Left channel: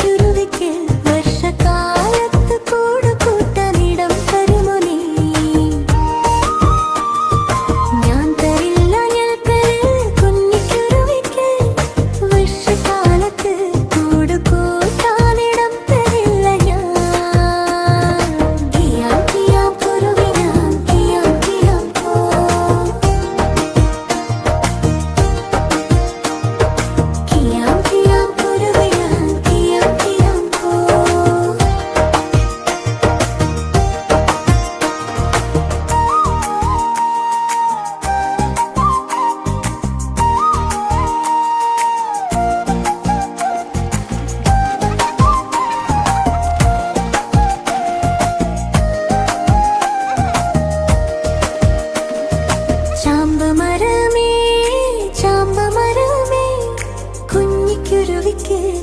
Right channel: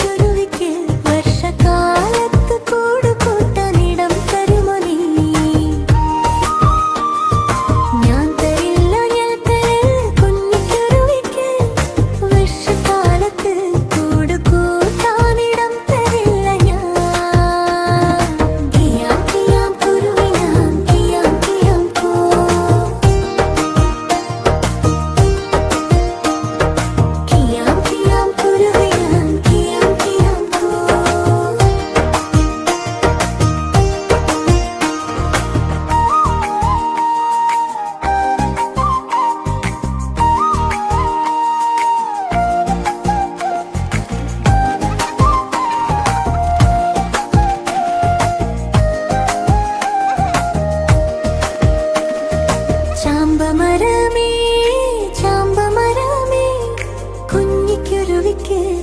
കുരുവിക്ക് വർഷകാലത്ത് കൂട് കൂട്ടാനിടം തരുമോ നീ? ഞാൻ തരില്ല കുഞ്ഞിക്കുരുവിക്ക് വർഷകാലത്ത് കൂട് കൂട്ടാനിടം തരില്ല ഞാൻ. കിയാം കിയാം കുരുവിനാൻ കിയാം കിയാം പോ. കിയാം കിയാം കുരുവിനാൻ കിയാം കിയാം പോ.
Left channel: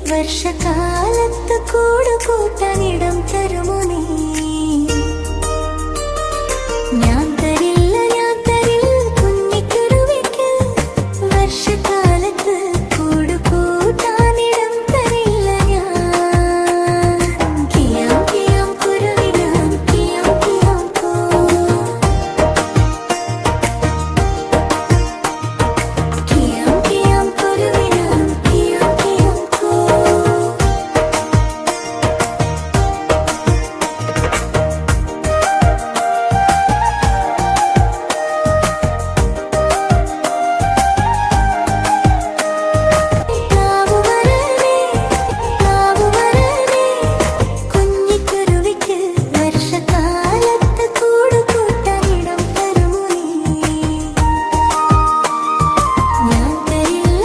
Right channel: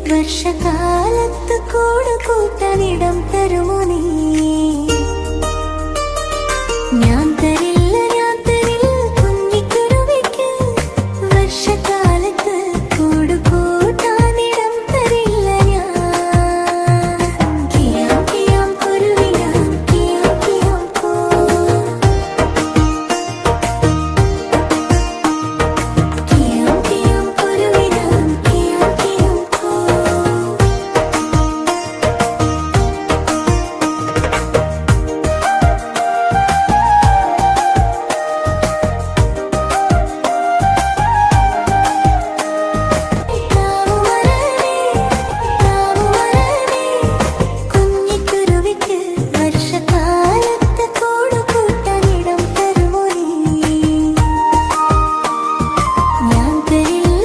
വർഷകാലത്ത് കൂട് കൂട്ടാനിടം തരുമോ നീ? ഞാൻ തരില്ല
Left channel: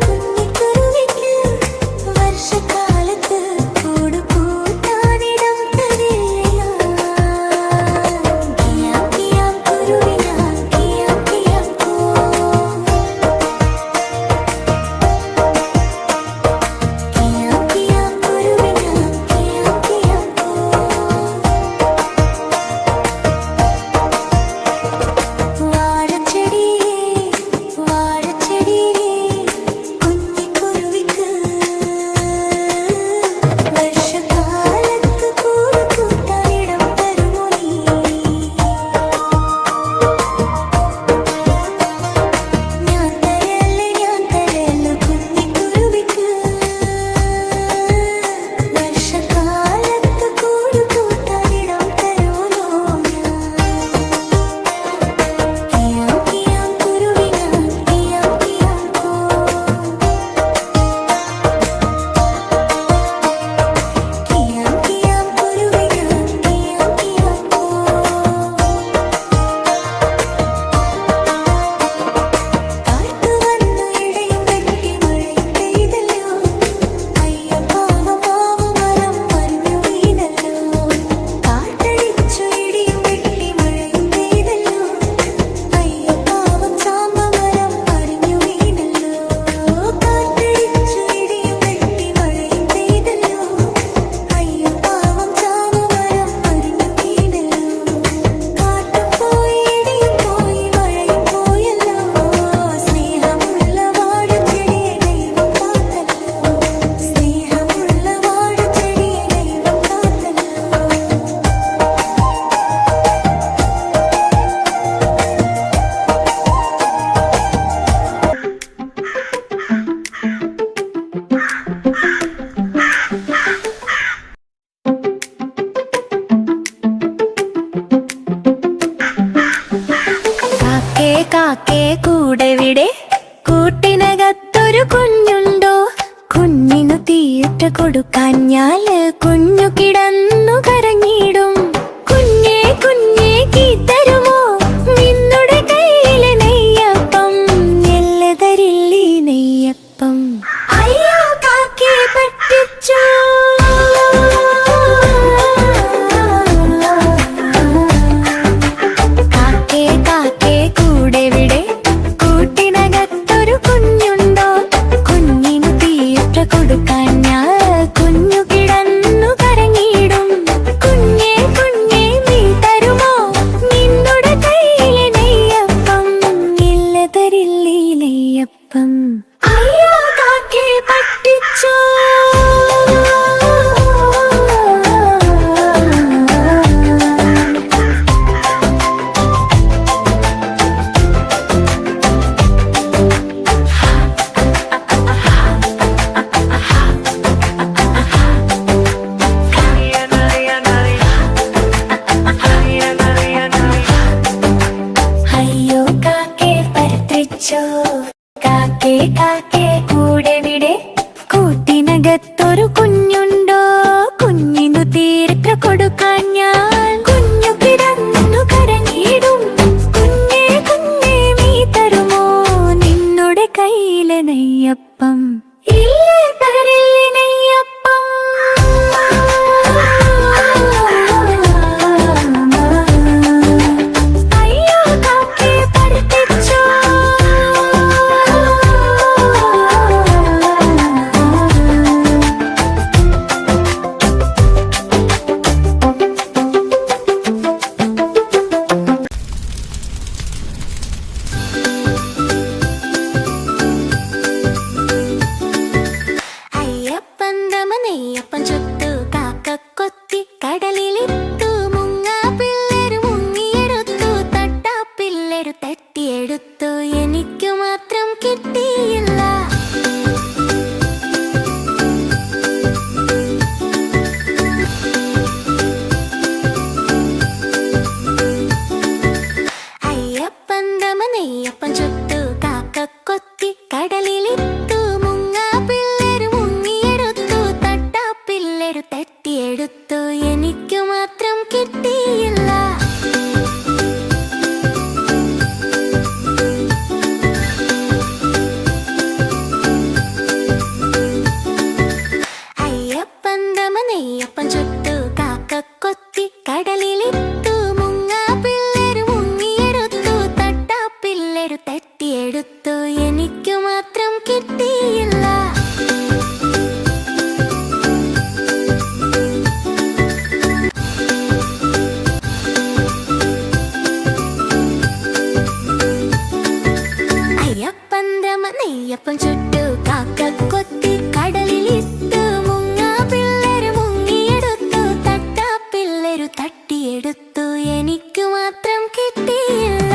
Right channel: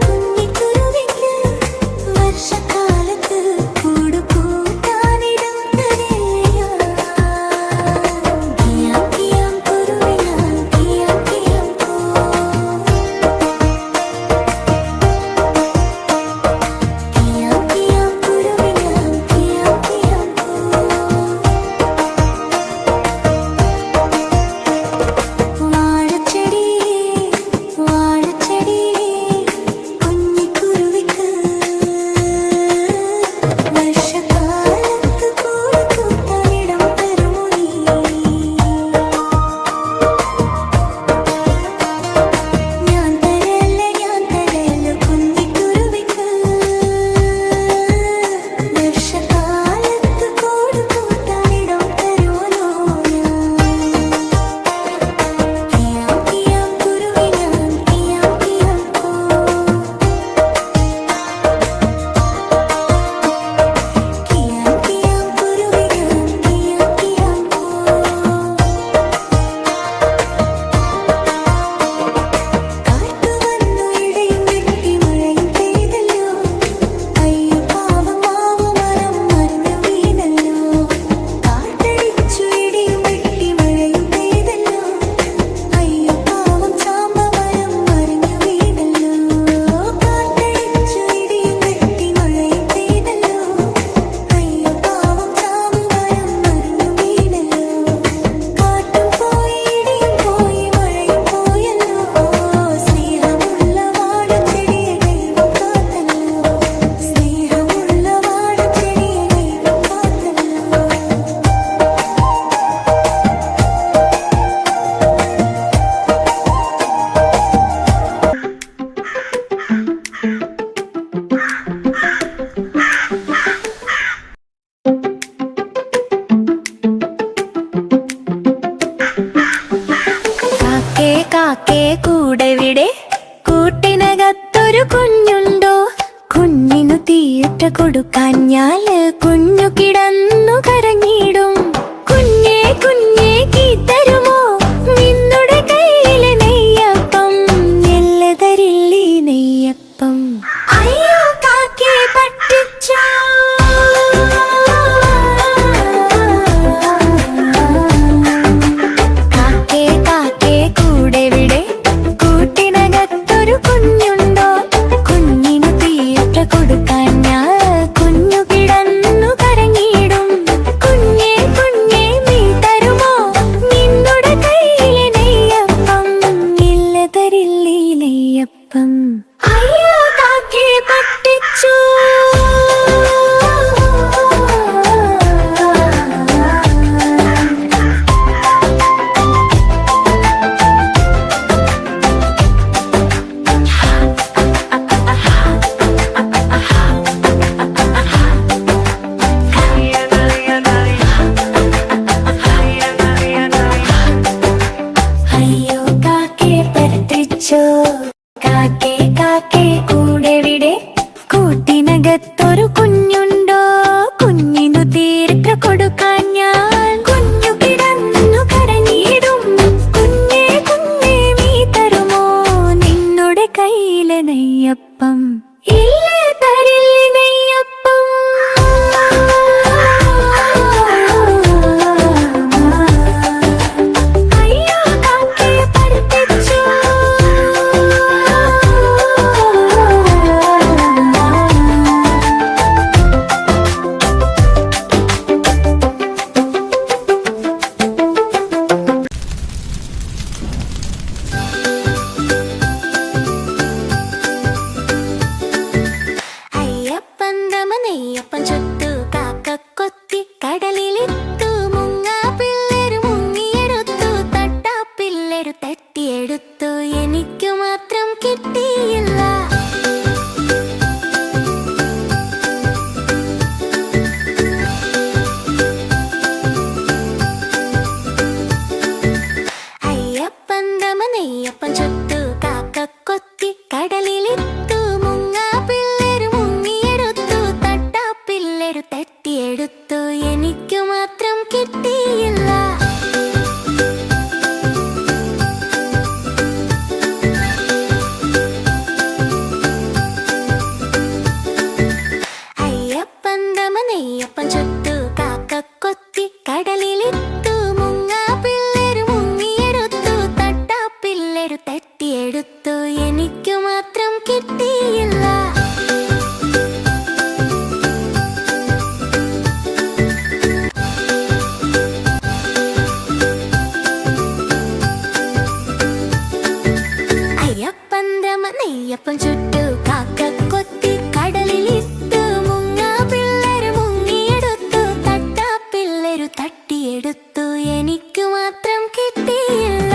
കുഞ്ഞിക്കുരുവിക്ക് വർഷകാലത്ത് കൂട് കൂട്ടാനിടം തരില്ല. കിയാം കിയാം കുരുവിനാൻ കിയാം കിയാം പോ. കിയാം കിയാം കുരുവിനാൻ കിയാം കിയാം പോ. വാഴച്ചെടിയേ കുഞ്ഞിക്കുരുവിക്ക് വർഷകാലത്ത് കൂട് കൂട്ടാനിടം തരുമോ നീ? ഞാൻ തരല്ല കുഞ്ഞിക്കുരുവിക്ക് വർഷകാലത്ത് കൂട് കൂട്ടാനിടം തരുമല്ലോ ഞാൻ. കിയാം കിയാം കുരുവിനാൻ കിയാം കിയാം പോ. കിയാം കിയാം കുരുവിനാൻ കിയാം കിയാം പോ. കാറ്റു വന്നു ഇടയും വെട്ടി മഴയും പെയ്തല്ലോ. അയ്യോ പാവം മാവുമരം മറിഞ്ഞു വീണല്ലോ. കാറ്റടിച്ചു ഇടിയും വെട്ടി മഴയും പെയ്തല്ലോ. അയ്യോ പാവം ചാമ്പമരം മറിഞ്ഞു വീണല്ലോ. കാറ്റടിച്ചു ഇടിയും വെട്ടി മഴയും പെയ്തല്ലോ. അയ്യോ പാവം ചാമ്പമരം മറിഞ്ഞു വീണല്ലോ. കാറ്റും പോയി ഇടിയും പോയി മഴയും പോയല്ലോ. സ്നേഹമുള്ള വാഴച്ചെടിയെ ദൈവം കാത്തല്ലോ. സ്നേഹമുള്ള വാഴച്ചെടിയെ ദൈവം കാത്തല്ലോ. കാക്കേ കാക്കേ കൂടെവിടെ? കൂട്ടിനകത്തൊരു കുഞ്ഞുണ്ടോ? കുഞ്ഞിനു തീറ്റ കൊടുക്കാഞ്ഞാല് കുഞ്ഞു കിടന്നു കരഞ്ഞിടും. കുഞ്ഞേ കുഞ്ഞേ കീത്തരുമോ നിന്നുടെ കയ്യിലെ നെയ്യപ്പം? എല്ല തരില്ലീ നെയ്യപ്പം. അയ്യോ കാക്കേ പറ്റിച്ചു. കാക്കേ കാക്കേ കൂടെവിടെ? കൂട്ടിനകത്ത് നെയ്യപ്പം ഇല്ലേ തരില്ലേ നെയ്യപ്പം അയ്യോ കാക്കേ പഠിപ്പിച്ചു നെയ്യപ്പം ചുട്ടു കാക്കക്കൊത്തി കടലിലിട്ടു മുങ്ങാ പിള്ളേര് മുങ്ങിയെടുത്തു തട്ടാ പിള്ളേര് തട്ടിയെടുത്തു എനിക്കു മാത്രം കിട്ടിയില്ല നെയ്യപ്പം ചുട്ടു കാക്കക്കൊത്തി കടലിലിട്ടു മുങ്ങാ പിള്ളേര് മുങ്ങിയെടുത്തു തട്ടാ പിള്ളേര് തട്ടിയെടുത്തു എനിക്കു മാത്രം കിട്ടിയില്ല നെയ്യപ്പം ചുട്ടു കാക്കക്കൊത്തി കടലിലിട്ടു മുങ്ങാ പിള്ളേര് മുങ്ങിയെടുത്തു തട്ടാ പിള്ളേര് തട്ടിയെടുത്തു എനിക്കു മാത്രം കിട്ടിയില്ല നെയ്യപ്പം ചുട്ടു കാക്കക്കൊത്തി കടലിലിട്ടു മുങ്ങാ പിള്ളേര് മുങ്ങിയെടുത്തു തട്ടാ പിള്ളേര് തട്ടിയെടുത്തു എനിക്കു മാത്രം കിട്ടിയില്ല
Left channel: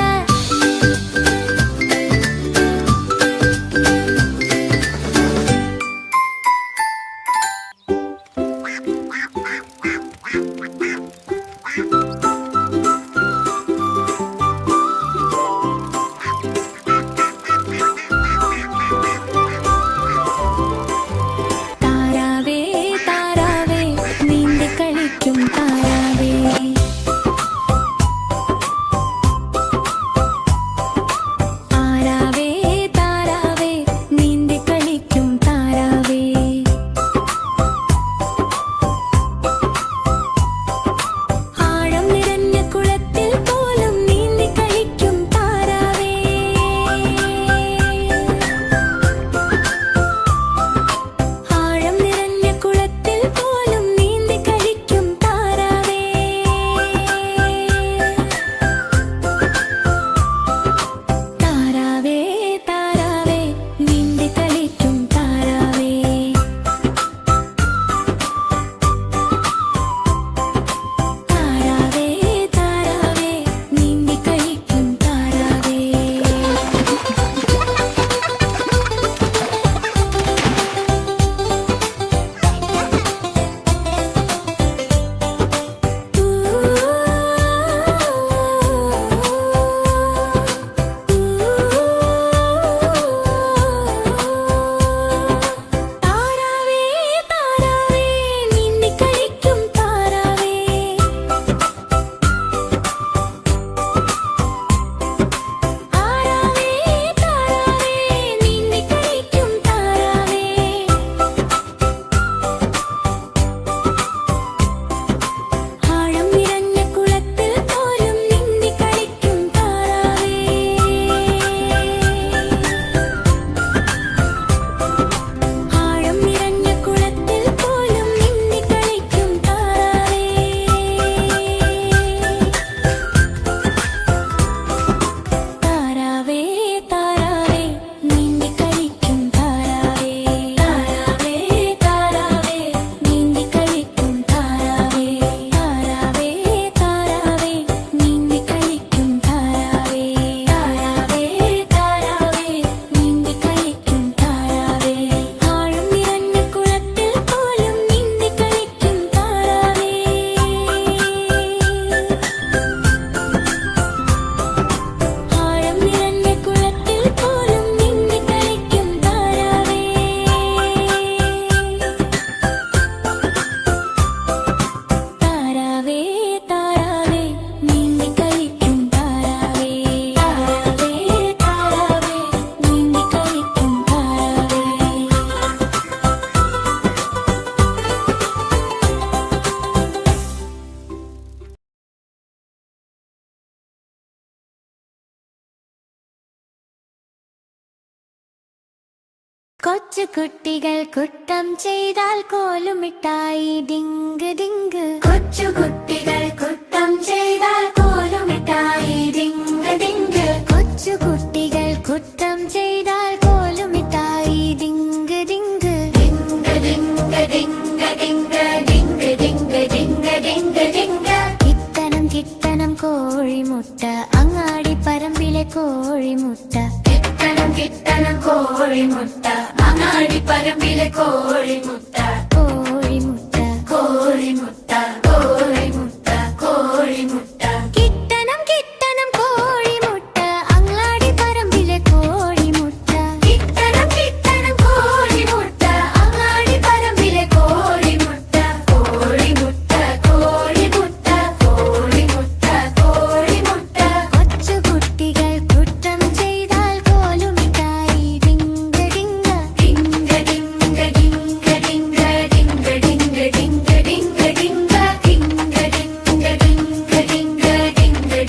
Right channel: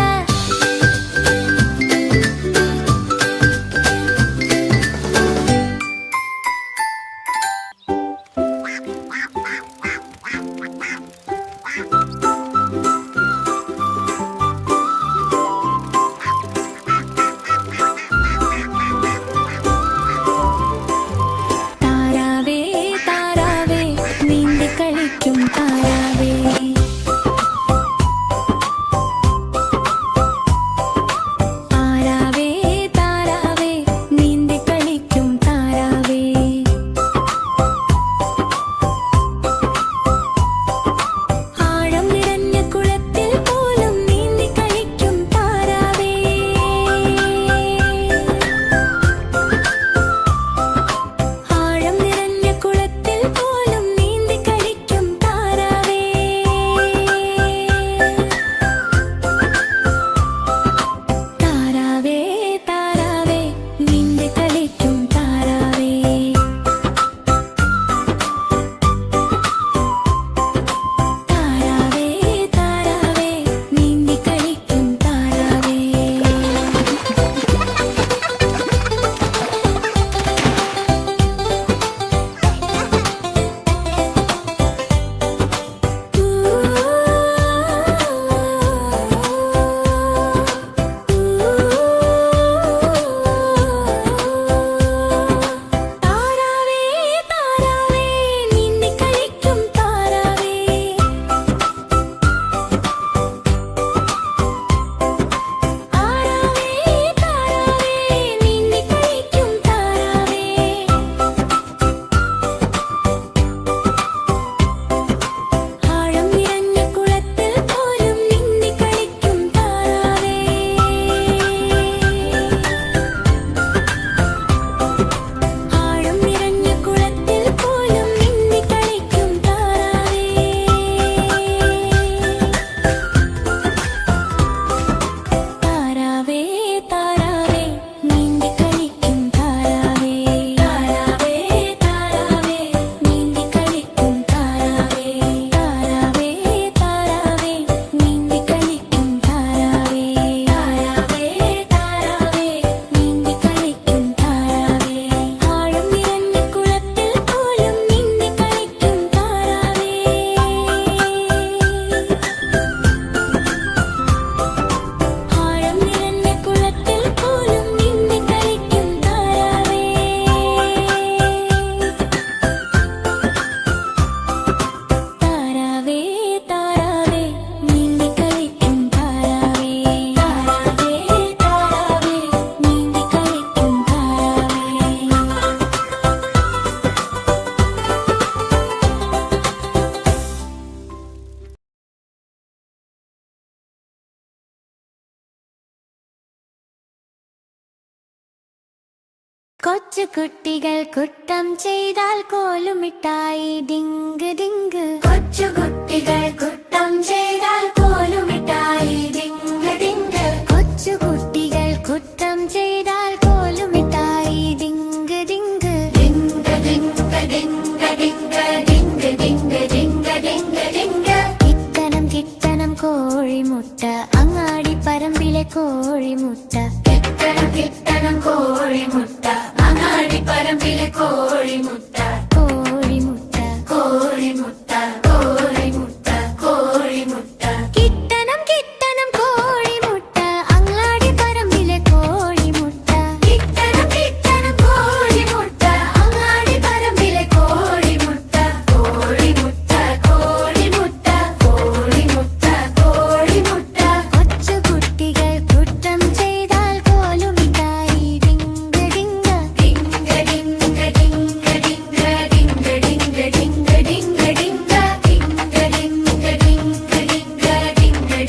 കൊച്ചു കുട്ടികൾ കുറ്റം ചെയ്താൽ കോലുമിട്ടായി ഡിങ്ക് ഡിങ്ക്. കൊച്ചു കുട്ടികൾ കുറ്റം ചെയ്താൽ കോലുമിട്ടായി ഡിങ്ക് ഡിങ്ക്. കൊച്ചു കുട്ടികൾ കുറ്റം ചെയ്താൽ കോലുമിട്ടായി ഡിങ്ക് ഡിങ്ക്. ഡിങ്ക് ഡിങ്ക് ഡിങ്ക് ഡിങ്ക് ഡിങ്ക് ഡിങ്ക് ഡിങ്ക് ഡിങ്ക് ഡിങ്ക്. കിട്ടണം കിട്ടണം കോഴിമുട്ട അങ്ങാടി പറമ്പിലെ കോഴിമുട്ട. കിട്ടണം കിട്ടണം കോഴിമുട്ട അങ്ങാടി പറമ്പിലെ കോഴിമുട്ട. കോഴിമുട്ട കോഴിമുട്ട കോഴിമുട്ട കോഴിമുട്ട. കിട്ടണം കിട്ടണം കോഴിമുട്ട അങ്ങാടി പറമ്പിലെ കോഴിമുട്ട. കിട്ടണം കിട്ടണം കോഴിമുട്ട അങ്ങാടി പറമ്പിലെ കോഴിമുട്ട. കോഴിമുട്ട കോഴിമുട്ട കോഴിമുട്ട കോഴിമുട്ട. കൊച്ചു കുട്ടികൾ കുറ്റം ചെയ്താൽ കോലുമിട്ടായി ഡിങ്ക് ഡിങ്ക്. ഡിങ്ക് ഡിങ്ക് ഡിങ്ക് ഡിങ്ക് ഡിങ്ക് ഡിങ്ക് ഡിങ്ക് ഡിങ്ക് ഡിങ്ക്. ഡിങ്ക് ഡിങ്ക് ഡിങ്ക് ഡിങ്ക്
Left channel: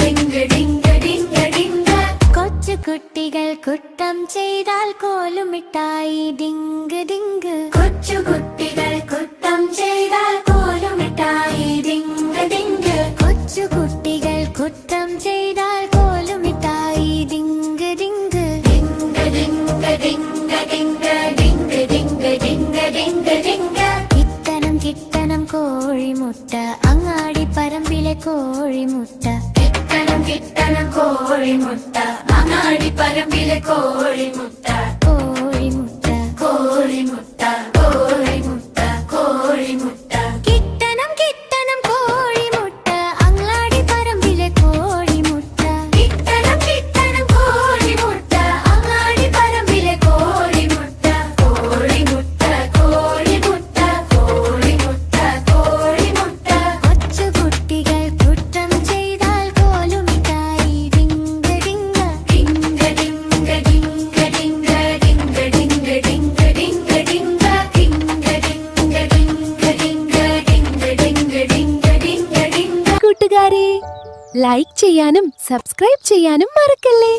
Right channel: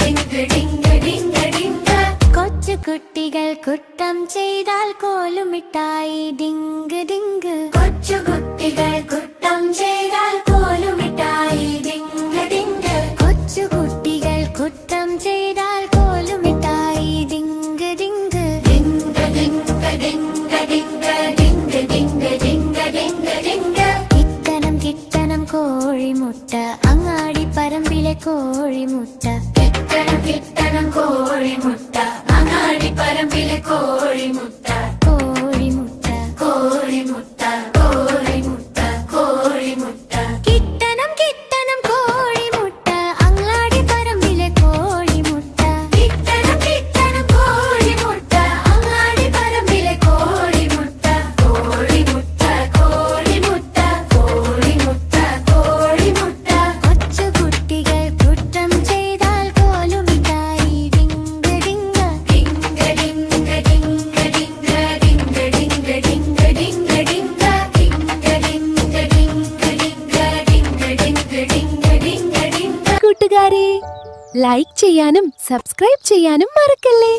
ഡിങ്ക് ഡിങ്ക് ഡിങ്ക് ഡിങ്ക് ഡിങ്ക്. കൊച്ചു കുട്ടികൾ കുറ്റം ചെയ്താൽ കോലുമിട്ടായി ഡിങ്ക് ഡിങ്ക്. കൊച്ചു കുട്ടികൾ കുറ്റം ചെയ്താൽ കോലുമിട്ടായി ഡിങ്ക് ഡിങ്ക്. കൊച്ചു കുട്ടികൾ കുറ്റം ചെയ്താൽ കോലുമിട്ടായി ഡിങ്ക് ഡിങ്ക്. ഡിങ്ക് ഡിങ്ക് ഡിങ്ക് ഡിങ്ക് ഡിങ്ക് ഡിങ്ക് ഡിങ്ക് ഡിങ്ക് ഡിങ്ക്. കിട്ടണം കിട്ടണം കോഴിമുട്ട അങ്ങാടി പറമ്പിലെ കോഴിമുട്ട. കിട്ടണം കിട്ടണം കോഴിമുട്ട അങ്ങാടി പറമ്പിലെ കോഴിമുട്ട. കോഴിമുട്ട കോഴിമുട്ട കോഴിമുട്ട കോഴിമുട്ട. കിട്ടണം കിട്ടണം കോഴിമുട്ട അങ്ങാടി പറമ്പിലെ കോഴിമുട്ട. കിട്ടണം കിട്ടണം കോഴിമുട്ട അങ്ങാടി പറമ്പിലെ കോഴിമുട്ട. കോഴിമുട്ട കോഴിമുട്ട കോഴിമുട്ട കോഴിമുട്ട. കൊച്ചു കുട്ടികൾ കുറ്റം ചെയ്താൽ കോലുമിട്ടായി ഡിങ്ക് ഡിങ്ക്. ഡിങ്ക് ഡിങ്ക് ഡിങ്ക് ഡിങ്ക് ഡിങ്ക് ഡിങ്ക് ഡിങ്ക് ഡിങ്ക് ഡിങ്ക്. ഡിങ്ക് ഡിങ്ക് ഡിങ്ക് ഡിങ്ക് ഡിങ്ക് ഡിങ്ക് ഡിങ്ക് ഡിങ്ക് ഡിങ്ക്. കൂട്ടുകാരെ, ലൈക്ക് ചെയ്യാനും സബ്സ്ക്രൈബ് ചെയ്യാനും മറക്കല്ലേ.